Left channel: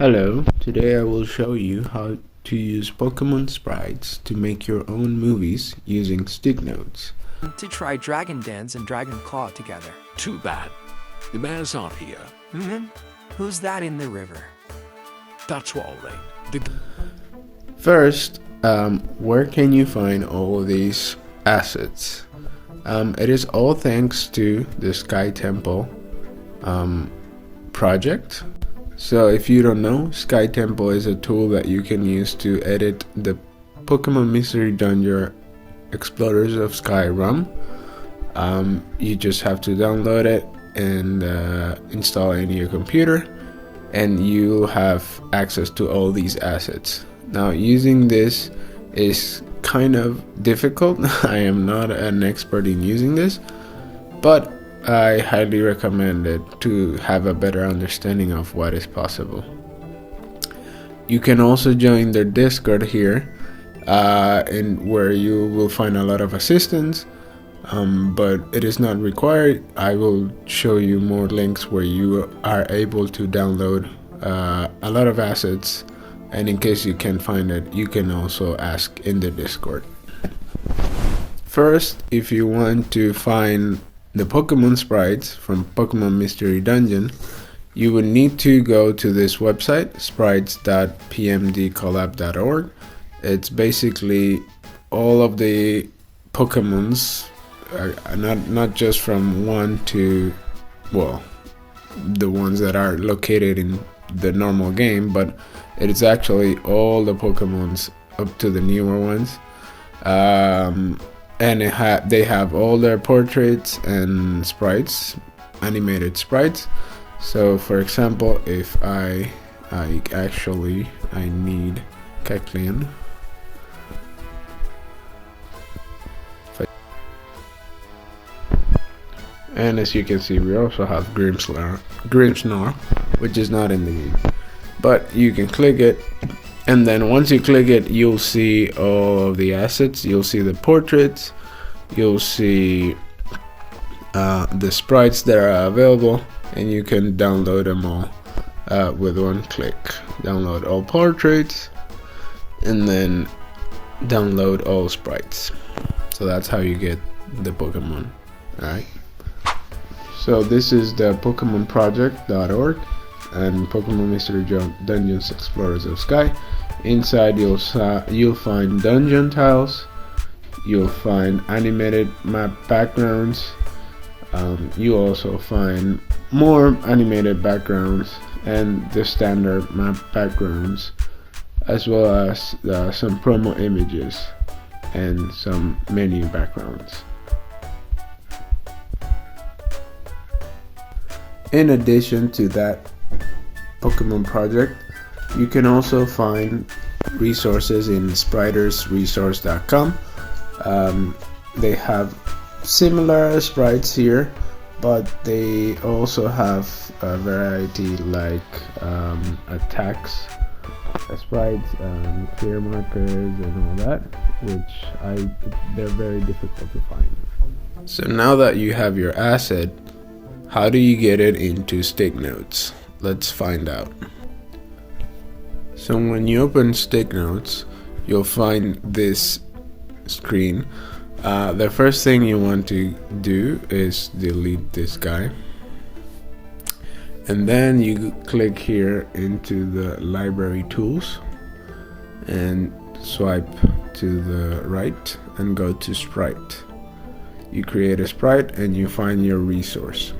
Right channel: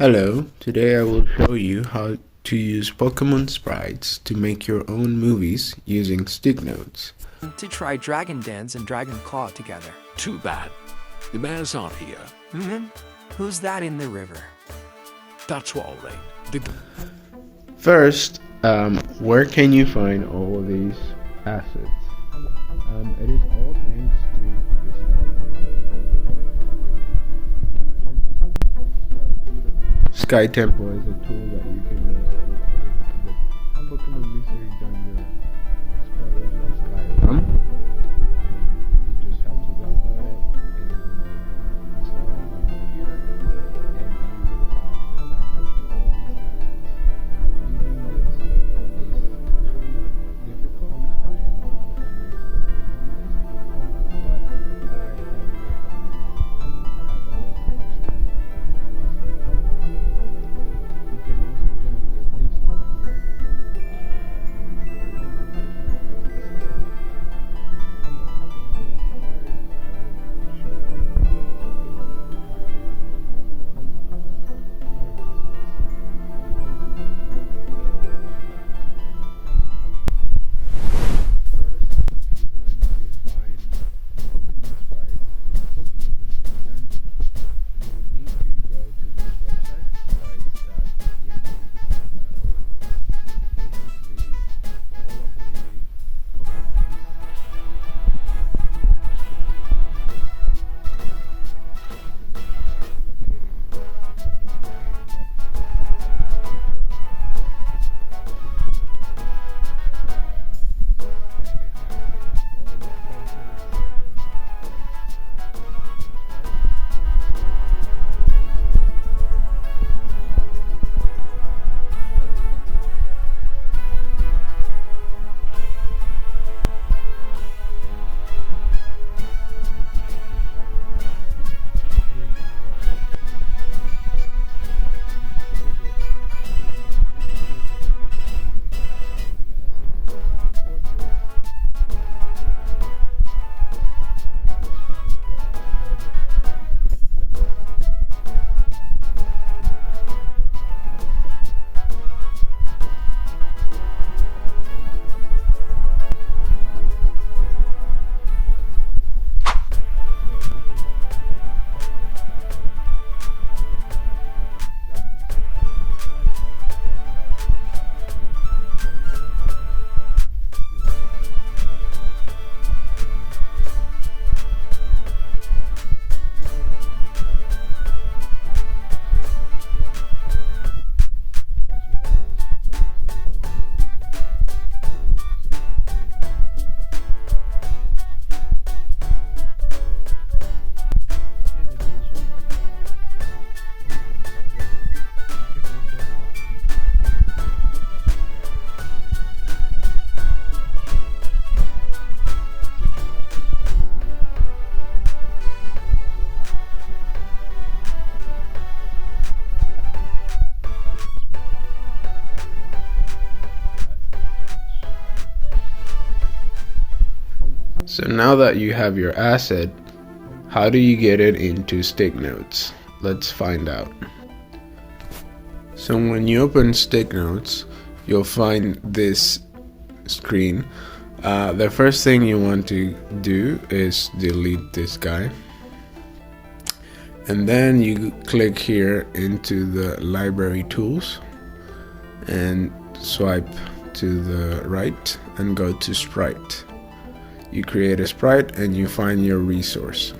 Hello, today I will show you how to use Pokemon Sprites to make your own movies using sticknodes. To try Dragon Dance and Dragon Claw together. Too bad. The man's not here. Who's that in the river? That's Walling. First, where can you find all of these assets? It is all thanks to the Sky Temple project. So if you don't know, Sky Temple is a tool that you can use to edit the Pokemon Mystery Dungeon Explorers of Sky ROM. You just have to download it and install it in your computer, and you'll have access to all these assets. Now, using this is kind of difficult. I am not an expert in using this, but I highly recommend it to have a better understanding of what is possible. You can also join their Discord here, and where you will find a lot of assistance, but it is not required. I will show you more links where you are able to download a lot of assets, and in case you can't find it, you can also ask in the Discord. First, if you want to find the Pokemon Sprites from Pokemon Mystery Dungeon, you would need to go to this website, sprites.pmdcollab.org. It's basically all of the Pokemons, not just from 1 to, well, the ones that are located in the normal game, but it is actually all the Pokemons up to the newer ones. And they have all their portraits and sprites, animated sprites. So for example, if I need Kecleon. And as you can see, we also have Grimmsnarl, which is not in the game. But you can click it, and then once you click it, you'll see all of the assets. You'll see the portraits, you'll see the sprites that are available, and you can download them all with one click. Download all portraits, and then download all sprites. So that's how you get the Pokemon. Alright. So this is the PokemonProject.org and Pokemon Mystery Dungeons Explorers of Sky. Inside you'll find dungeon tiles, you'll find animated map backgrounds, you'll also find more animated backgrounds and the standard map backgrounds, as well as some promo images and some menu backgrounds. In addition to that Pokemon project, you can also find resources in spritersresource.com. They have similar sprites here, but they also have a variety like attacks sprites, clear markers, and all that, which they're very difficult to find. So now that you have your asset, how do you get it into sticknodes? Let's find out. So when you open sticknodes, you'll find this screen. The first thing you want to do is delete this guy, and then you click here into the library tools and swipe to the right and go to sprite. You create a sprite and you find your resource.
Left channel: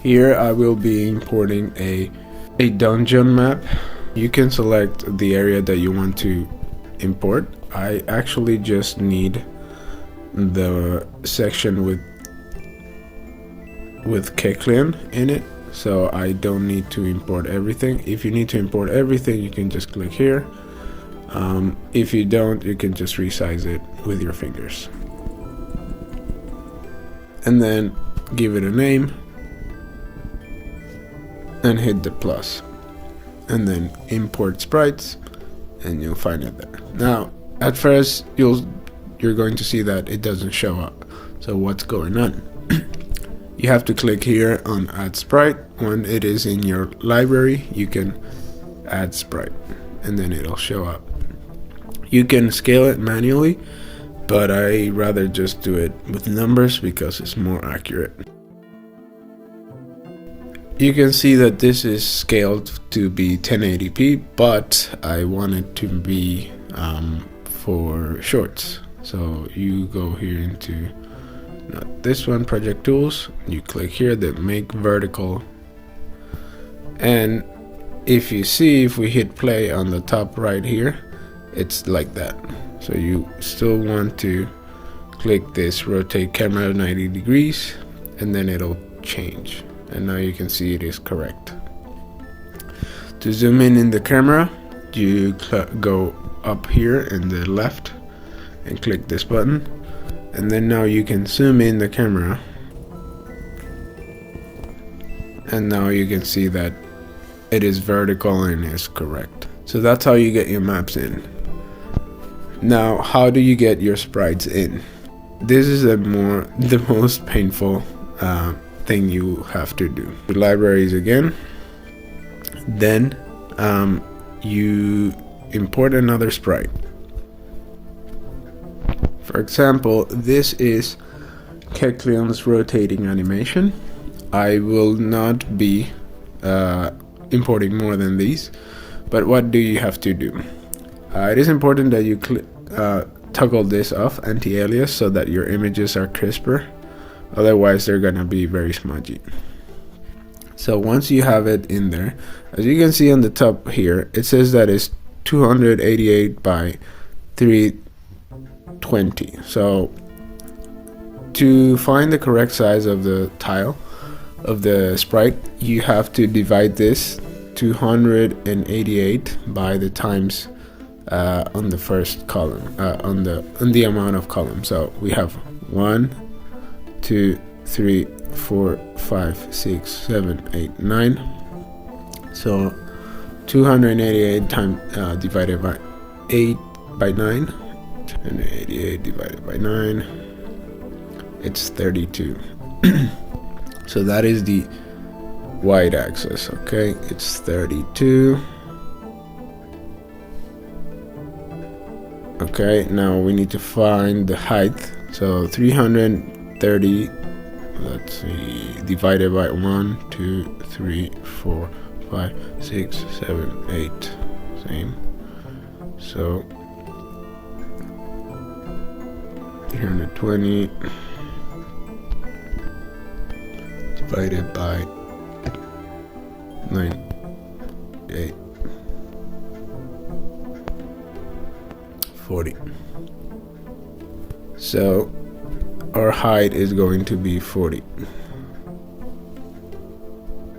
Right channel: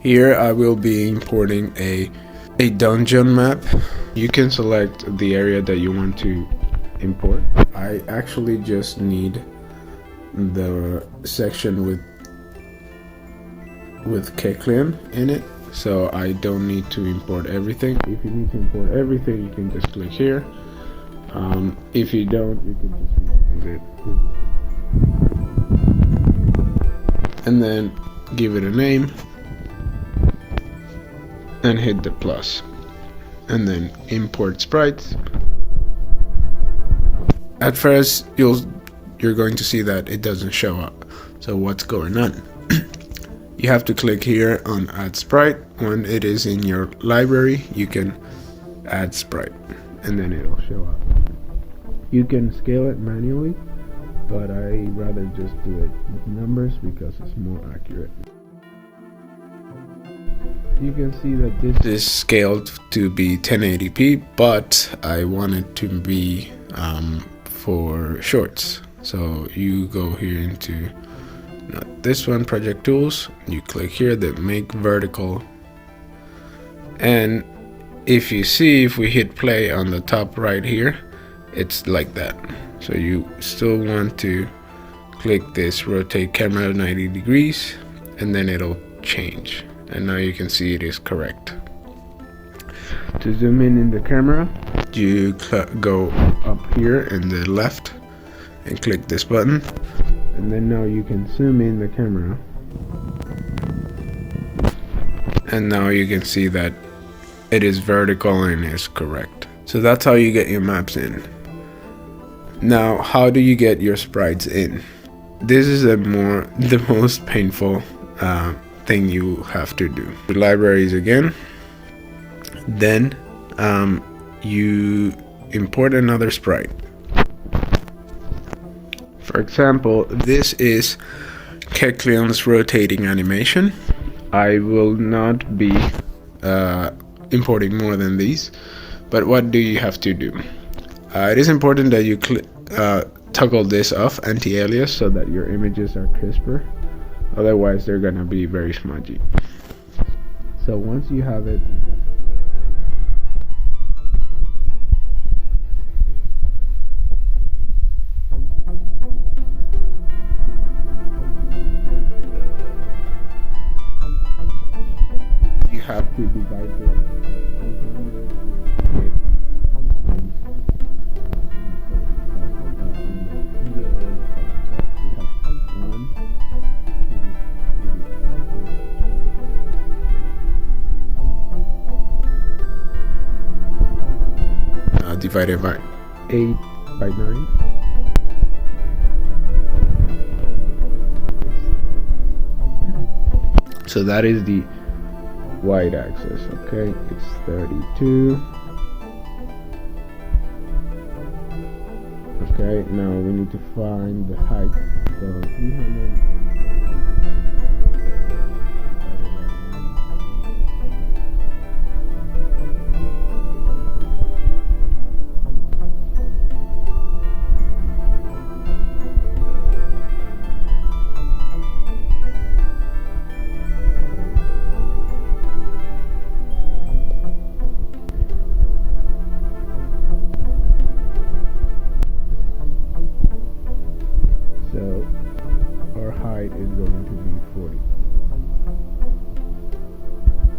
Here I will be importing a dungeon map. You can select the area that you want to import. I actually just need the section with Kecleon in it, so I don't need to import everything. If you need to import everything, you can just click here. If you don't, you can just resize it with your fingers. And then give it a name and hit the plus, and then import sprites, and you'll find it there. Now, at first you're going to see that it doesn't show up. So what's going on? you have to click here on add sprite. When it is in your library, you can add sprite and then it'll show up. You can scale it manually, but I rather just do it with numbers because it's more accurate. You can see that this is scaled to be 1080p, but I want it to be for shorts. So you go here into not this one, project tools, you click here, then make vertical, and if you see, if we hit play on the top right here, it's like that. So you still want to click this rotate camera 90 degrees and then it'll change, and now you can see it is correct. To zoom in the camera, you go up here in the left and click this button, and then now you can zoom in the camera, and now you can see that it is vertical and is correct. So that's how you get your maps in. Now, how do you get your sprites in? This is the most painful thing you have to do. The libraries again, then you import another sprite. For example, this is Kecleon's rotating animation. I will not be importing more than these, but what do you have to do? It is important that you toggle this off, anti-alias, so that your images are crisper. Otherwise, they're gonna be very smudgy. So once you have it in there, as you can see on the top here, it says that it's 288 by 320. So to find the correct size of the tile of the sprite, you have to divide this 288 by the times on the first column, on the amount of columns. So we have 1, 2, 3, 4, 5, 6, 7, 8, 9. So 288 divided by 8 by 9. 288 divided by 9. It's 32. So that is the y-axis. Okay, it's 32. Okay, now we need to find the height. So 330, let's see, divided by 1, 2, 3, 4, 5, 6, 7, 8. Same. So 320 divided by 98. 40. So our height is going to be 40.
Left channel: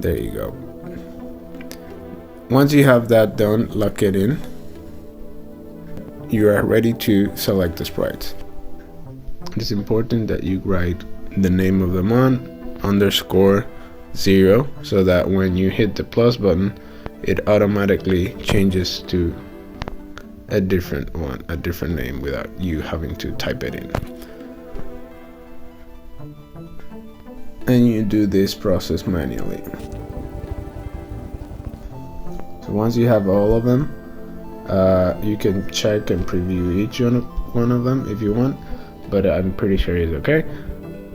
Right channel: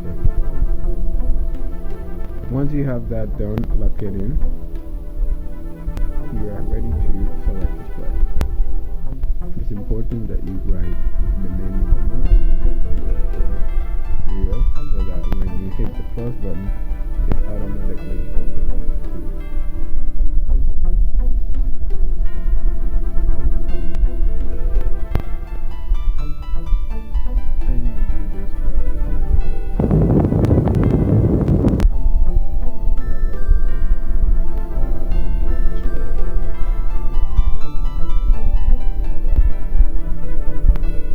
There you go. Once you have that done, lock it in. You are ready to select the sprites. It's important that you write the name of the mon _0, so that when you hit the plus button, it automatically changes to a different one, a different name, without you having to type it in. And you do this process manually. So once you have all of them, you can check and preview each one of them if you want, but I'm pretty sure it's okay.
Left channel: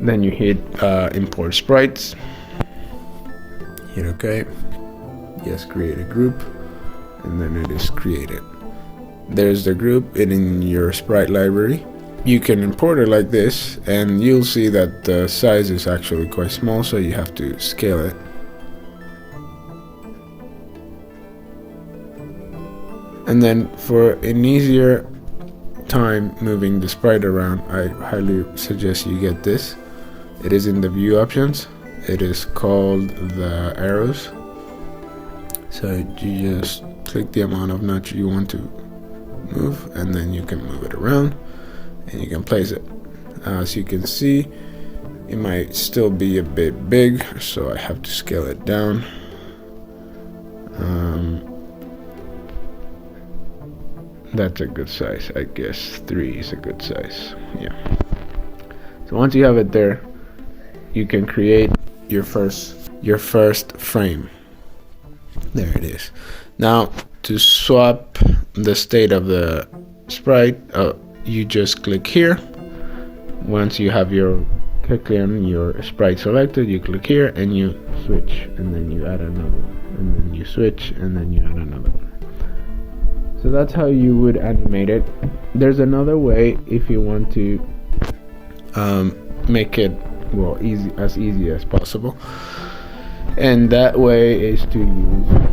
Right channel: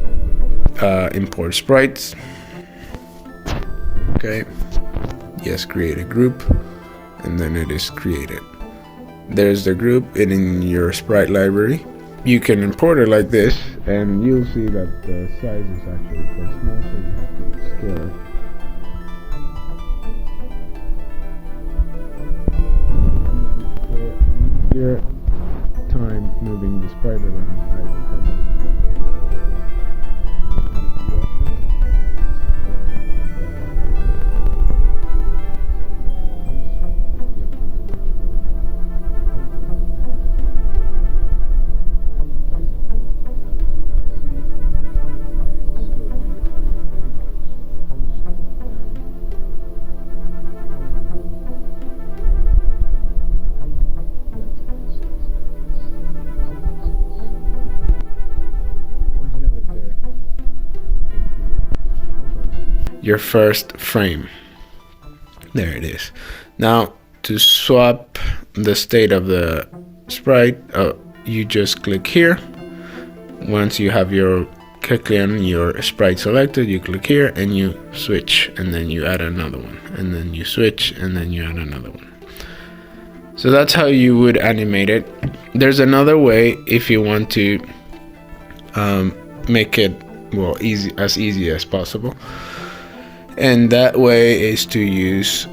Then you hit import sprites. Hit OK. Yes, create a group, and then it is created. There's the group in your sprite library. You can import it like this, and you'll see that the size is actually quite small, so you have to scale it. And then for an easier time moving the sprite around, I highly suggest you get this. It is in the view options. It is called the arrows. So you just click the amount of notch you want to move, and then you can move it around and you can place it. As you can see, it might still be a bit big, so I have to scale it down. That's a good size, I guess. 3 is a good size. Yeah. So once you have it there, you can create your first frame. There it is. Now to swap the state of the sprite, you just click here. Once you have your Kecleon, your sprite selected, you click here and you switch, and then you add another one, and then you switch, and then you add another one. So that's how you would animate it. There's another way if you want to make it as easy as possible, and that way is to use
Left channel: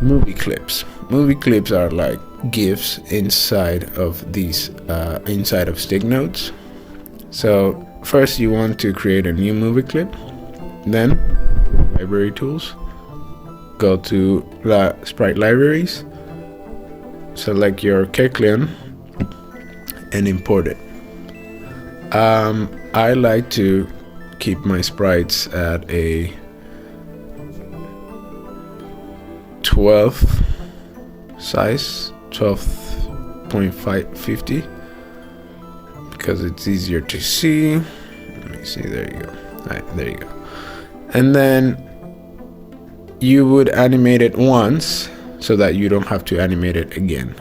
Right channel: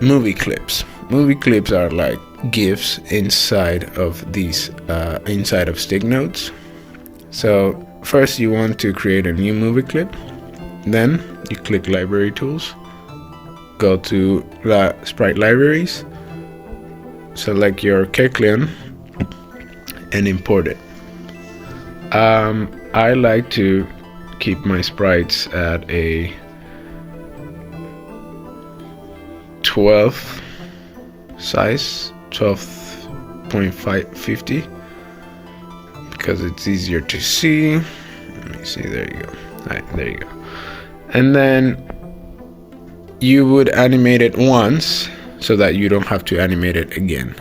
movie clips. Movie clips are like GIFs inside of these inside of sticknodes. So first you want to create a new movie clip, then you click library tools, go to sprite libraries, select your Kecleon and import it. I like to keep my sprites at a 12 size, 12.550, because it's easier to see. Let me see, there you go. Alright, there you go. And then you would animate it once so that you don't have to animate it again.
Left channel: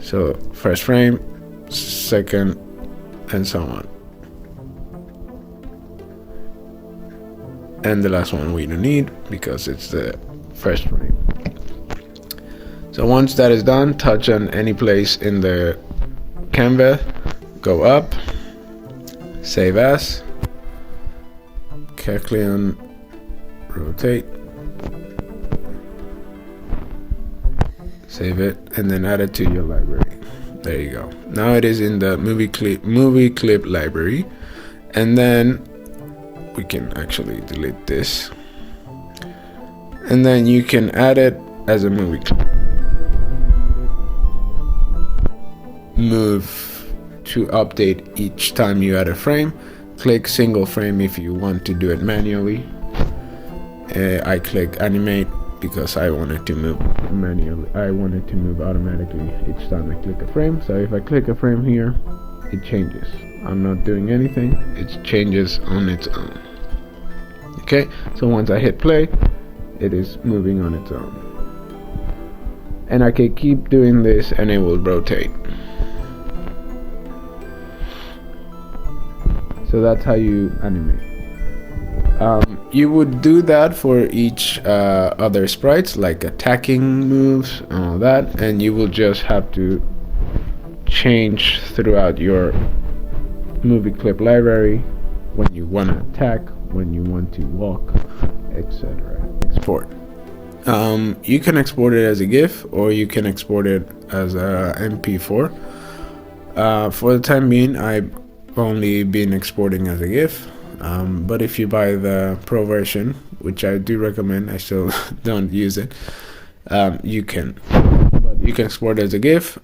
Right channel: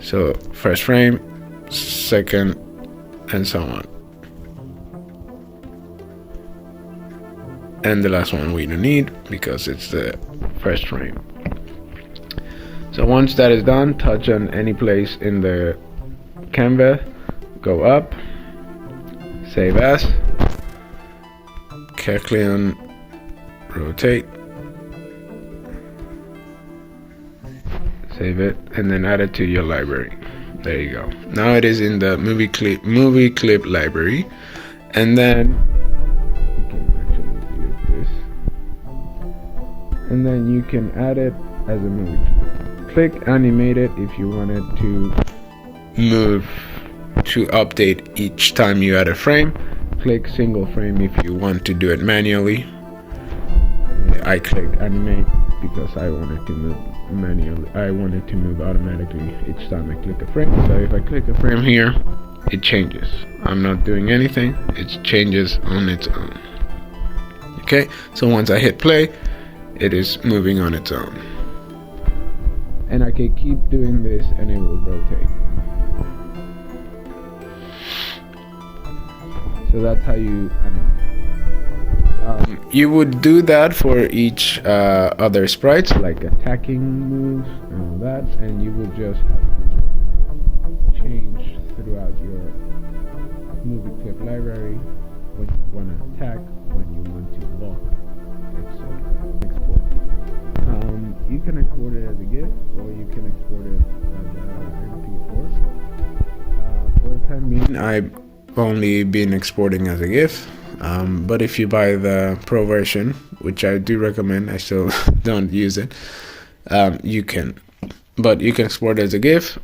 So first frame, second, and so on. And the last one we don't need because it's the first frame. So once that is done, touch on any place in the canvas, go up, save as, Kecleon, rotate, save it, and then add it to your library. There you go. Now it is in the movie clip library, and then we can actually delete this, and then you can add it as a movie clip. Click animate it if you wanted to update each time you add a frame. Click single frame if you want to do it manually. I clicked animate because I wanted to move manually. I wanted to move automatically each time I click a frame. So if I click a frame here, it changes. I'm not doing anything, it changes on its own. Okay, so once I hit play, it is moving on its own. And I can keep doing this and it will rotate. So that's how you animate. You would do that for each other sprites, like attacking moves and all that, and you will just have to change throughout your movie clip library when you want to attack, when you want to walk, etc. Export. You can export it as a GIF or you can export it as a MP4. For the time being, I've only been exporting as a GIF, but if you buy the Pro version, which I do recommend, I still don't use it, you can. But you can export it as a GIF,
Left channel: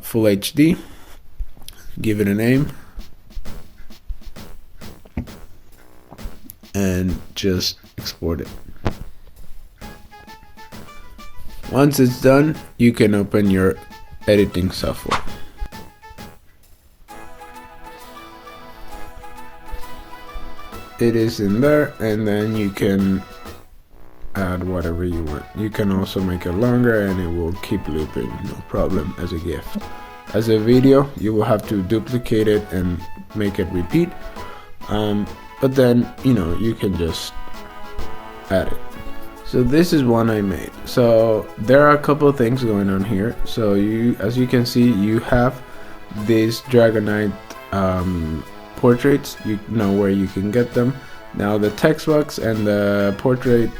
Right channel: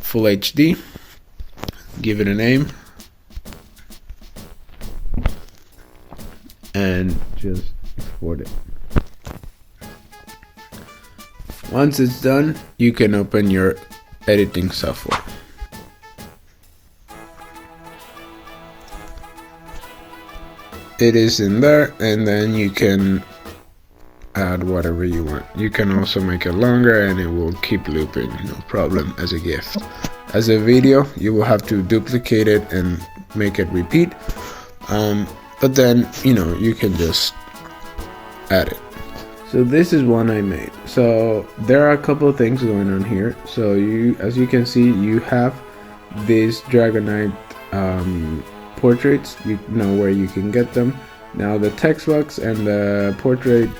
full HD, give it a name, and just export it. Once it's done, you can open your editing software. It is in there, and then you can add whatever you want. You can also make it longer and it will keep looping, no problem, as a GIF. As a video, you will have to duplicate it and make it repeat, but then you can just add it. So this is one I made. So there are a couple of things going on here. So as you can see, you have these Dragonite portraits. You know where you can get them. Now the text box and the portrait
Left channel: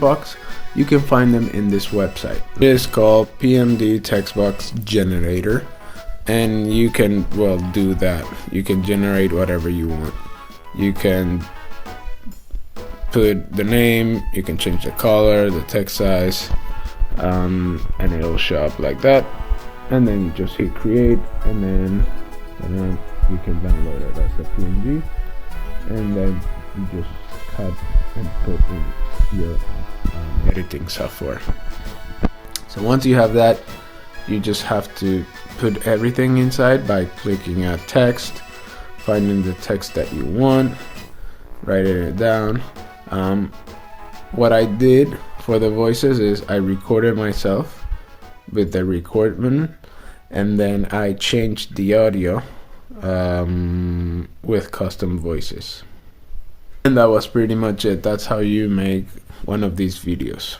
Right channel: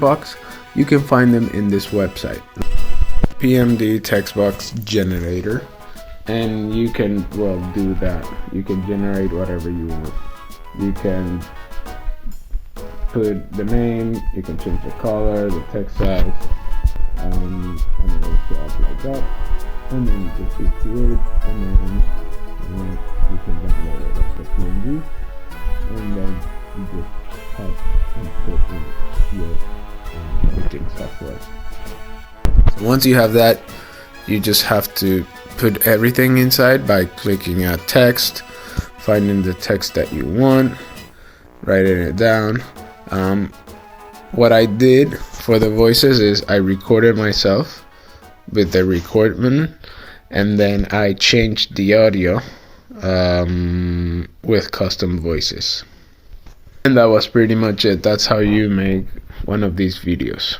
box, you can find them in this website. It is called PMD text box generator, and you can do that. You can generate whatever you want. You can put the name, you can change the color, the text size, and it'll show up like that. And then you just hit create, and then you can download it as a PNG, and then you just have and put in your editing software. So once you have that, you just have to put everything inside by clicking add text, finding the text that you want, writing it down. What I did for the voices is I recorded myself with the record button, and then I changed the audio with custom voices. And that was pretty much it. That's how you make one of these videos.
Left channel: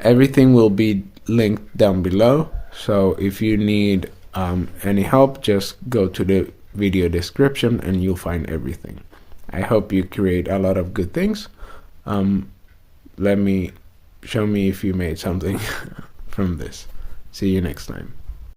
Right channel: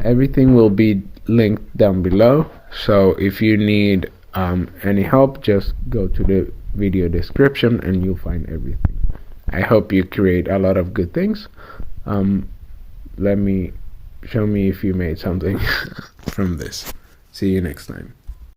Everything will be linked down below, so if you need any help, just go to the video description and you'll find everything. I hope you create a lot of good things. Show me if you made something from this. See you next time.